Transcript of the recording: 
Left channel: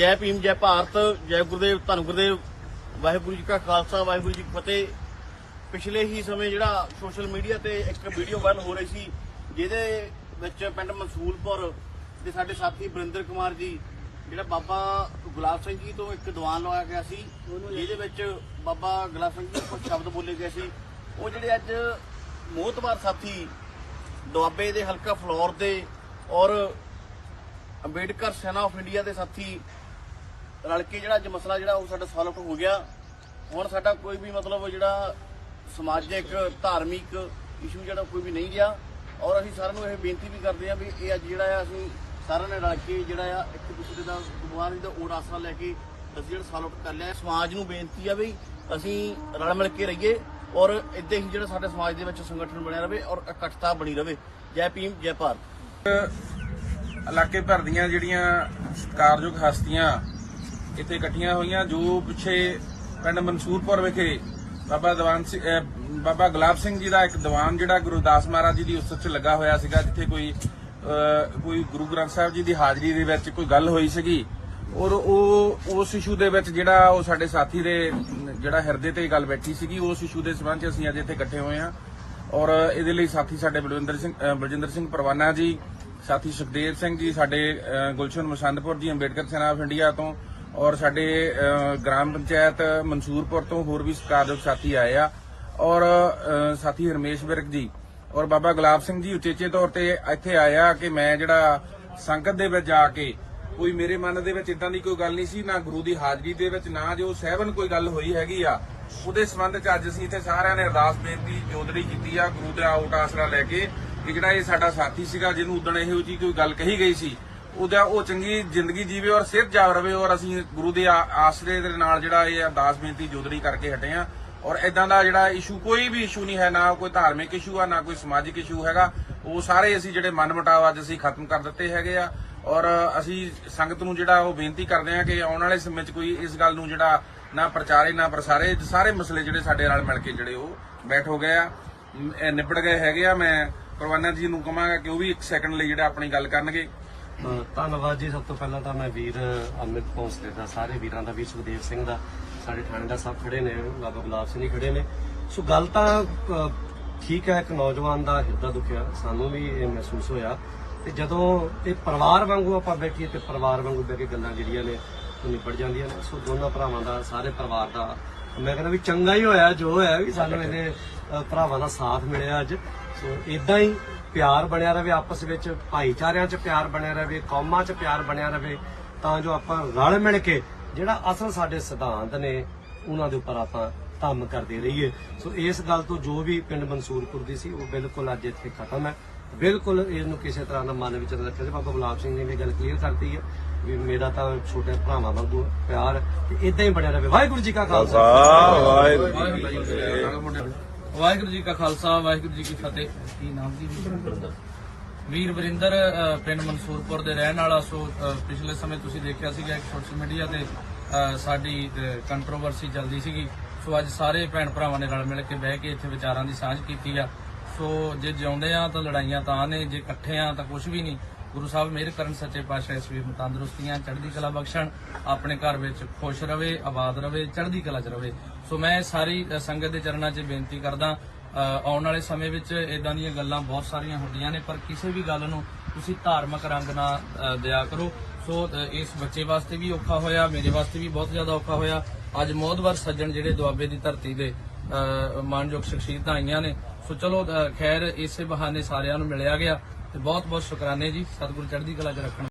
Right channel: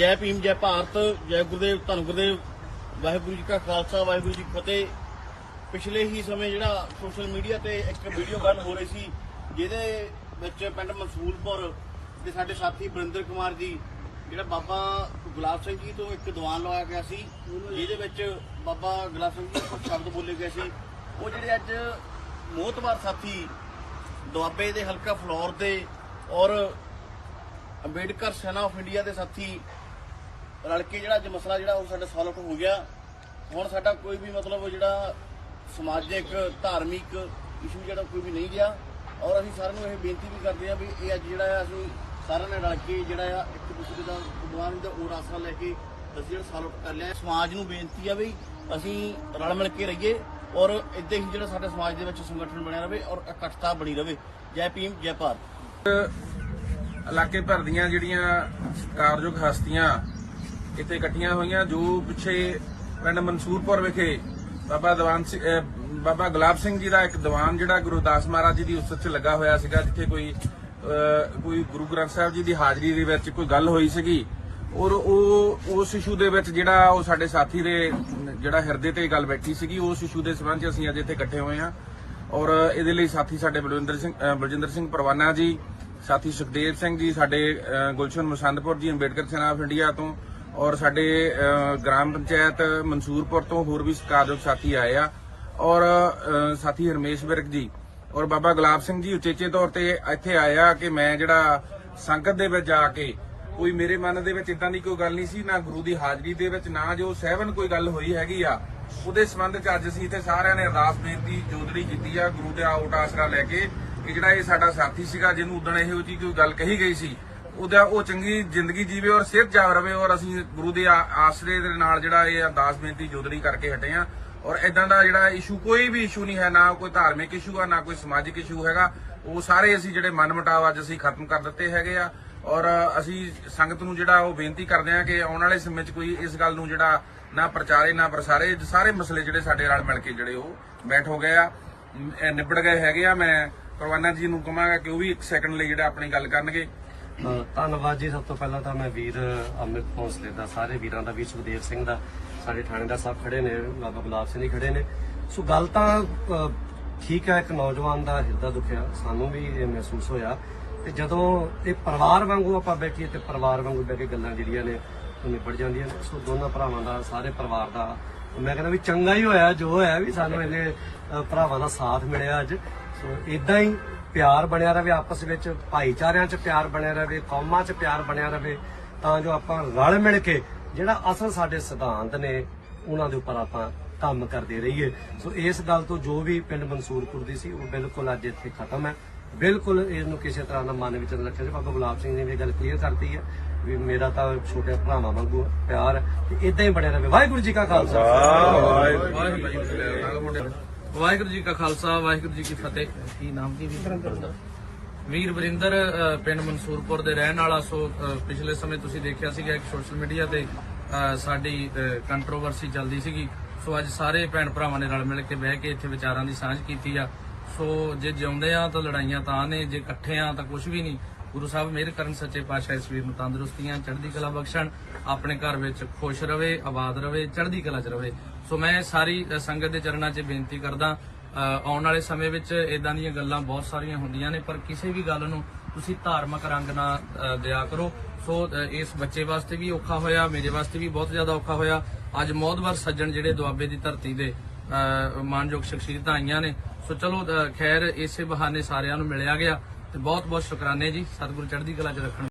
ਜੈ ਭੀਮ ਜੈ ਭਾਰਤ ਜੈ ਗੁਰਦੇਵ ਧੰਨ ਗੁਰਦੇਵ ਵਾਹਿਗੁਰੂ ਜੀ ਕਾ ਖਾਲਸਾ ਵਾਹਿਗੁਰੂ ਜੀ ਕੀ ਫਤਿਹ ਪਿਛਲੇ ਹੀ ਸਮੇਂ ਜਿਹੜਾ ਸੋਸ਼ਲ ਮੀਡੀਆ ਤੇ ਇੱਕ ਵੀਡੀਓ ਵਾਇਰਲ ਹੋ ਰਹੀ ਸੀ ਜਿਹਦੇ ਵਿੱਚ ਪਿੰਡ ਮਸੂਲਪੁਰ ਦੇ ਸਾਡੇ ਸਾਥੀ ਬਰਿੰਦਰ ਕੁਮਾਰ ਜੀ ਜਿਹੜਾ ਬਾਬਾ ਗੁਲਾਬ ਸਿੰਘ ਜੀ ਤੋਂ ਇੱਕ ਦੀਵਾਨ ਲਵਾਇਆ ਗਿਆ ਸੀ ਜਿਹਦੇ ਵਿੱਚ ਬਾਬਾ ਗੁਲਾਬ ਸਿੰਘ ਜੀ ਕੁਝ ਸ਼ਬਦ ਬੋਲੇ ਗਏ ਸੀ ਉਹ ਜਿਹੜੇ ਅੱਜ ਮੋਹਤਵਾਰ ਸਾਥੀ ਦੁਆਬੇ ਦੇ ਹਲਕਾ ਫਲੋਰ ਦੇ ਔਰ ਅੰਬੇਡਕਰ ਸੈਨਾ ਆਫ ਇੰਡੀਆ ਦੇ ਸਾਥੀ ਰਲ ਕੇ ਜਿਹੜਾ ਅੱਜ ਮਸਲਾ ਜਿਹੜਾ ਉਹ ਸਾਡਾ ਸੋਲਵ ਹੋ ਗਿਆ ਹੁਣ ਸਾਡਾ ਕੋਈ ਵੀ ਮਤਲਬ ਜਿਹੜਾ ਸਮਾਜਿਕ ਧਾਰਮਿਕ ਇਸ਼ੂ ਜਿਹੜਾ ਕੋਈ ਵੀ ਨਹੀਂ ਗਿਆ ਔਰ ਅਸੀਂ ਸਾਰਿਆਂ ਨੂੰ ਇਹ ਬੇਨਤੀ ਵੀ ਕਰਦੇ ਆ ਵੀ ਇਹ ਅੱਜ ਜਿਹੜਾ ਆ ਅਸੀਂ ਸਾਰਿਆਂ ਨੇ ਰਲ ਕੇ ਜਿਹੜਾ ਆ ਇੱਕ ਦੂਸਰੇ ਦਾ ਗੁਮਾਨ ਦਾ ਓੜ ਆਸਰਾ ਲੈ ਕੇ ਅਸੀਂ ਜਿਹੜਾ ਸੋਲਵ ਕਰ ਲਿਆ ਸਮਾਜ ਨੂੰ ਬੇਨਤੀ ਆ ਵੀ ਅਸੀਂ ਰਲ ਮਿਲ ਕੇ ਰਹੀਏ ਔਰ ਇਦਾਂ ਹੀ ਜਿਹੜਾ ਸਾਡੇ ਸਮਾਜ ਦੇ ਵਿੱਚ ਸੰਗਠਨ ਬਣਿਆ ਰਵੇ ਔਰ ਇਕੱਠਤਾ ਬਣੀ ਰਵੇ ਜੈ ਭੀਮ ਜੈ ਭਾਰਤ ਇਲਾਕੇ ਭਰ ਦੀਆਂ ਜਿਹੜੀਆਂ ਸਤਕਾਰਯੋਗ ਹਸਤੀਆਂ ਇੱਥੇ ਇਕੱਠੀਆਂ ਹੋਈਆਂ ਜੋ ਪਿੱਛੇ ਪਿੰਡ ਮਨਸੂਰਪੁਰ ਵਿਖੇ ਬਾਬਾ ਦਵਾਨ ਸਿੰਘ ਬਾਬਾ ਗੁਲਾਬ ਸਿੰਘ ਜੀ ਦਾ ਇੱਕ ਦੀਵਾਨ ਜਿਹੜਾ ਗੁਰਦਾਸ ਮਹਾਰਾਜ ਜੀ ਦੀ ਉਸਤ 'ਚ ਲੱਗਾ ਹੋਇਆ ਸੀਗਾ ਜਿੱਥੇ ਕੋਈ ਕੋਈ ਗੁਰੂ ਗ੍ਰੰਥ ਸਾਹਿਬ ਜੀ ਦੀ ਹਾਜ਼ਰੀ ਦੇ ਵਿੱਚ ਕੋਈ ਗੱਲ ਹੋਈ ਸੀਗੀ ਔਰ ਉਹ ਉਸ ਇਸ਼ੂ ਦੇ ਵਿੱਚ ਜਿਹੜਾ ਉਹ ਸਾਡੇ ਸਾਥੀ ਦੇ ਜਿਹੜਾ ਹਿਰਦੇ ਤੇ ਗੱਲ ਬੈਠੀ ਸੀਗੀ ਉਸ ਇਸ਼ੂ ਦੇ ਸਬੰਧ 'ਚ ਅਸੀਂ ਅੱਜ ਇੱਥੇ ਇਕੱਠੇ ਹੋਏ ਹਾਂ ਔਰ ਇਹਦੇ ਲਈ ਸਾਥੀ ਸਾਡੇ ਬਲਵਿੰਦਰ ਸਿੰਘ ਬਲਜਿੰਦਰ ਸਿੰਘ ਪਰਵਾਨਾ ਜੀ ਸਾਥੀ ਸੁਖਦੇਵ ਸਿੰਘ ਜੀ ਸਾਡੇ ਗੁਲਸ਼ਨ ਮਸੰਦਪੁਰ ਜੀ ਅੰਬੇਡਕਰ ਸੈਨਾ ਆਫ ਇੰਡੀਆ ਤੋਂ ਔਰ ਸਾਡੇ ਗ੍ਰਾਮ ਪੰਚਾਇਤ ਮਨਸੂਰਪੁਰ ਤੋਂ ਹੋਰ ਵੀ ਸਤਿਕਾਰਯੋਗ ਸਾਥੀ ਆਏ ਆ ਔਰ ਸਾਥੀ ਹਰਮੇਸ਼ ਵਿਰਕ ਜੀ ਔਰ ਬਾਬਾ ਗੁਲਾਬ ਸਿੰਘ ਜੀ ਉਚੇਚੇ ਤੌਰ ਤੇ ਇੱਥੇ ਆਇਆ ਕਿ ਮੈਂ ਜਿਹੜਾ ਸੰਗਤ ਦੇ ਵਿੱਚ ਜਾ ਕੇ ਕੋਈ ਮੇਰੇ ਮਨ ਦੇ ਵਿੱਚ ਇਦਾਂ ਦੀ ਕੋਈ ਗੱਲ ਨਹੀਂ ਸੀ ਨਾ ਗੁਰੂ ਦੀ ਹਾਜ਼ਰੀ ਦੇ ਵਿੱਚ ਨਾ ਜੋ ਸਹਿਵਨ ਕੋਈ ਗੱਲ ਹੋਈ ਹੈਗੀ ਆ ਉਹਦੇ ਸੰਬੰਧ ਚ ਅੱਜ ਅਸੀਂ ਇੱਥੇ ਸਾਰਿਆਂ ਨੇ ਅਰਦਾਸ ਬੇਨਤੀ ਜੋਦੜੀ ਕੀਤੀ ਆ ਗੁਰੂ ਦੇ ਆਉਟ ਆਸਰਾ ਲੈ ਕੇ ਕਿ ਜਿਹੜਾ ਇਹ ਸਾਡਾ ਸਾਥੀ ਸੀਗਾ ਜਿਹਨੂੰ ਉਦਣ ਇਹੋ ਜੀ ਕੋਈ ਗੱਲ ਕਹੀ ਗਈ ਸੀ ਉਹਦਾ ਉਹ ਚੰਗੀ ਜ਼ਿੰਦਗੀ ਜੀਵੇ ਔਰ ਸਿਹਤ ਜਾਗ ਰਵੇ ਔਰ ਅਸੀਂ ਗੁਰੂ ਦੇ ਆਸਰੇ ਦੇ ਨਾਲ ਜਿਹੜਾ ਇਹ ਅਰਦਾਸ ਬੇਨਤੀ ਜੋਦੜੀ ਕਰਕੇ ਹਟੇ ਆ ਔਰ ਇਦਾਂ ਦਾ ਜਿਹੜਾ ਇਸ਼ੂ ਕੋਈ ਵੀ ਇਸ਼ੂ ਨਹੀਂ ਹੈ ਨਾ ਕੋਈ ਧਾਰਮਿਕ ਇਸ਼ੂ ਆ ਨਾ ਕੋਈ ਸਮਾਜਿਕ ਇਸ਼ੂ ਹੈਗਾ ਉਹ ਸਾਰੇ ਅਸੀਂ ਜਿਹੜੇ ਮਨਮਟਾਵ ਅੱਜ ਅਸੀਂ ਖਤਮ ਕਰ ਦਿੱਤੇ ਹੈਗੇ ਆ ਔਰ ਅਸੀਂ ਸੰਗਤ ਨੂੰ ਜਿਹੜਾ ਉਹ ਬੇਨਤੀ ਕਰਦੇ ਆ ਕਿ ਆਉਣ ਵਾਲੇ ਸਮੇਂ 'ਚ ਕੋਈ ਇਸ ਗੱਲ ਨੂੰ ਜਿਹੜਾ ਨਾ ਪ੍ਰਚਾਰੇ ਨਾ ਪ੍ਰਸਾਰੇ ਸਾਰੇ ਮਸਲੇ ਜਿਹੜੇ ਸਾਡੇ ਨਾਲ ਮਿਲ ਕੇ ਜਿਹੜੇ ਉਹ ਬੈਠ ਹੋ ਗਏ ਆ ਨਿਬੜ ਗਏ ਹੈਗੇ ਆ ਮੈਂ ਕਰਵਾਨਾ ਜੀ ਨੂੰ ਕਹਾਂਗਾ ਕਿ ਉਹ ਵੀ 1 ਸੈਕਿੰਡ ਲਈ ਜਿਹੜਾ ਆਪਣੀ ਗੱਲ ਕਰਨਗੇ ਧੰਨਵਾਦ ਜੀ ਸਭ ਤੋਂ ਪਹਿਲਾਂ ਤਾਂ ਮੈਂ ਵੀਰ ਅਮਿਤ ਭੋਸਲੇ ਦਾ ਸਾਰੇ ਵੀਰਾਂ ਦਾ ਵੀ ਸੁਖਦੇਵ ਸਿੰਘ ਦਾ ਸਾਡੇ ਥਾਣੇ ਦਾ ਸਭ ਖੜੇ ਨੇ ਲਾਗੋ ਗੁਲਾਬ ਸਿੰਘ ਖੜੇ ਨੇ ਸੋ ਗੱਲ ਤਾਂ ਠੀਕ ਹੈ ਇੱਕ ਨੌਜਵਾਨ ਦਾ ਹਿਰਦਾ ਦੁਖਿਆ ਸਾਨੂੰ ਵੀ ਇਹ ਮਹਿਸੂਸ ਹੋਇਆ ਤੇ ਜਦੋਂ ਇਹ ਪਰਿਵਾਰ ਵਾਂਗੂ ਆਪਾਂ ਬੈਠੀਏ ਤੇ ਪਰਿਵਾਰ ਵਾਂਗੂ ਬੈਠੇ ਗੱਲਾਂ ਜਿਹੜੀਆਂ ਨੇ ਉਹ ਨਿਬੜ ਜਾਂਦੀਆਂ ਸੋ ਦੋਨਾਂ ਭਰਾਵਾਂ ਦਾ ਸਾਰੇ ਪਰਿਵਾਰ ਦਾ ਮੈਂ ਕਹਿੰਦਾ ਵੀ ਚੰਗਾ ਹੀ ਹੋਇਆ ਜੋ ਹੋਇਆ ਵੀ ਸਾਨੂੰ ਇਹਦੇ ਭਰਾਵਾਂ ਦਾ ਸਾਥ ਮਿਲਿਆ ਅੱਜ ਸੋ ਇਦਾਂ ਹੀ ਪਿਆਰ ਬਣਿਆ ਰਵੇ ਆਪਸ ਵਿੱਚ ਭਾਈਚਾਰਿਆਂ 'ਚ ਪਿਆਰ ਬਣਿਆ ਰਵੇ ਕੌਮਾਂ 'ਚ ਪਿਆਰ ਬਣਿਆ ਰਵੇ ਤਾਂ ਜੋ ਆਪਾਂ ਰਲ ਮਿਲ ਕੇ ਜਿਹੜਾ ਅਸਲ ਸਾਡੇ ਸਿਧਾਂਤ ਨੇ ਉਹਨਾਂ ਦੇ ਉੱਪਰ ਆਪਾਂ ਕੰਮ ਕਰਦੇ ਰਹੀਏ ਸੋ ਇਸ ਗੱਲ ਤੋਂ ਜੋ ਵੀ ਪਿੰਡ ਮਨਸੂਰਪੁਰ ਦੀ ਸੀ ਉਹ ਬਿਲਕੁਲ ਅੱਜ ਇੱਥੇ ਖਤਮ ਹੈ ਬਿਲਕੁਲ ਇਹਨੂੰ ਕਿਸੇ ਤਰ੍ਹਾਂ ਦਾ ਮਨ ਵਿੱਚ ਰੱਖਿਆ ਤੇ ਬਾਬਾ ਗੁਲਾਬ ਸਿੰਘ ਜੀ ਨੇ ਗੱਲ ਕਲੀਅਰ ਕਰਤੀ ਹੈ ਵੀ ਮੇਰਾ ਤਾਂ ਛੋਟੇ ਭਰਾਵਾਂ ਵਾਂਗੂ ਪਿਆਰ ਹੈ ਤੇ ਇਦਾਂ ਹੀ ਬਣਿਆ ਰਹੇ ਵਾਹਿਗੁਰੂ ਜੀ ਕਾ ਖਾਲਸਾ ਵਾਹਿਗੁਰੂ ਜੀ ਕਾ ਖਾਲਸਾ ਵਾਹਿਗੁਰੂ ਜੀ ਕੀ ਫਤਿਹ ਕੀ ਨਾਮ ਕੀ ਵੀਰ ਵਰਿੰਦਰ ਪਿੰਡ ਮਨਸੂਰਪੁਰ ਦੇ ਰਹਿਣ ਵਾਲਾ ਸੋ ਪਿਛਲੇ ਸਮੇਂ ਤੁਸੀਂ ਦੇਖਿਆ ਸੀਗਾ ਇੱਕ ਸੋਸ਼ਲ ਮੀਡੀਆ ਤੇ ਸਾਡੀ ਕੰਟਰੋਵਰਸੀ ਚੱਲਦੀ ਸੀਗੀ ਸੋ ਅੱਜ ਸਾਰੇ ਭੈਣ ਭਰਾਵਾਂ ਨੇ ਰਲ ਮਿਲ ਕੇ ਬਹਿ ਕੇ ਇੱਥੇ ਵਿਚਾਰਾਂ ਦੀ ਸਾਂਝ ਕੀਤੀ ਆ ਸੋ ਜੇ ਜਿਉਂਦੇ ਆ ਤਾਂ ਲੜਾਈਆਂ ਤਾਂ ਨੇ ਜੇ ਇਕੱਠੇ ਆ ਤਾਂ ਕੁਝ ਵੀ ਨਹੀਂ ਗੁਰੂ ਸਾਹਿਬ ਮਿਹਰ ਕਰਨ ਸੱਚੇ ਪਾਤਸ਼ਾਹ ਇਸ ਵੀਰ ਨੂੰ ਤੰਦਰੁਸਤੀਆਂ ਚੜ੍ਹਦੀ ਕਲਾ ਬਖਸ਼ਣ ਆਪਣੇ ਘਰ ਵਿੱਚ ਖੁਸ਼ ਰਵੇ ਆਬਾਦ ਰਵੇ ਚੜ੍ਹਦੀ ਕਲਾ 'ਚ ਰਵੇ ਸੋ ਮੈਂ ਸਾਰੀ ਸੰਗਤ ਦੇ ਚਰਨਾਂ 'ਚ ਬੇਨਤੀ ਕਰਦਾ ਆਉਣ ਵਾਲੇ ਸਮੇਂ ਵਿੱਚ ਇਦਾਂ ਦੀਆਂ ਗੱਲਾਂ ਬਹੁਤ ਸਾਰੀਆਂ ਹੁੰਦੀਆਂ ਨੇ ਪਰ ਕਿਸੇ ਵੀ ਗੱਲ ਨੂੰ ਤੁਸੀਂ ਧਾਰਮਿਕ ਰੰਗ ਨਾਲ ਦਿਆ ਕਰੋ ਸੋ ਇਸ ਬੱਚੇ ਵਾਸਤੇ ਵੀ ਔਖਾ ਹੋਇਆ ਮੇਰੇ ਵਾਸਤੇ ਵੀ ਬਹੁਤ ਜ਼ਿਆਦਾ ਔਖਾ ਹੋਇਆ ਅੱਜ ਮੋਦਵਰ ਸੱਜਣ ਜਿਹੜੇ ਦੁਆਬੇ ਦੀ ਧਰਤੀ ਦੇ ਮਾਨਯੋਗ ਸ਼ਖਸੀਅਤਾਂ ਆਈਆਂ ਨੇ ਸੋ ਚਲੋ ਖੈਰ ਇਸੇ ਬਹਾਨੇ ਸਾਰਿਆਂ ਨੂੰ ਮਿਲਿਆ ਗਿਆ ਤੇ ਬਹੁਤ ਬਹੁਤ ਸ਼ੁਕਰਾਨੇ ਜੀ ਸਤਿਗੁਰੂ ਚੜ੍ਹਦੀ ਕਲਾ ਚ ਰੱਖਣ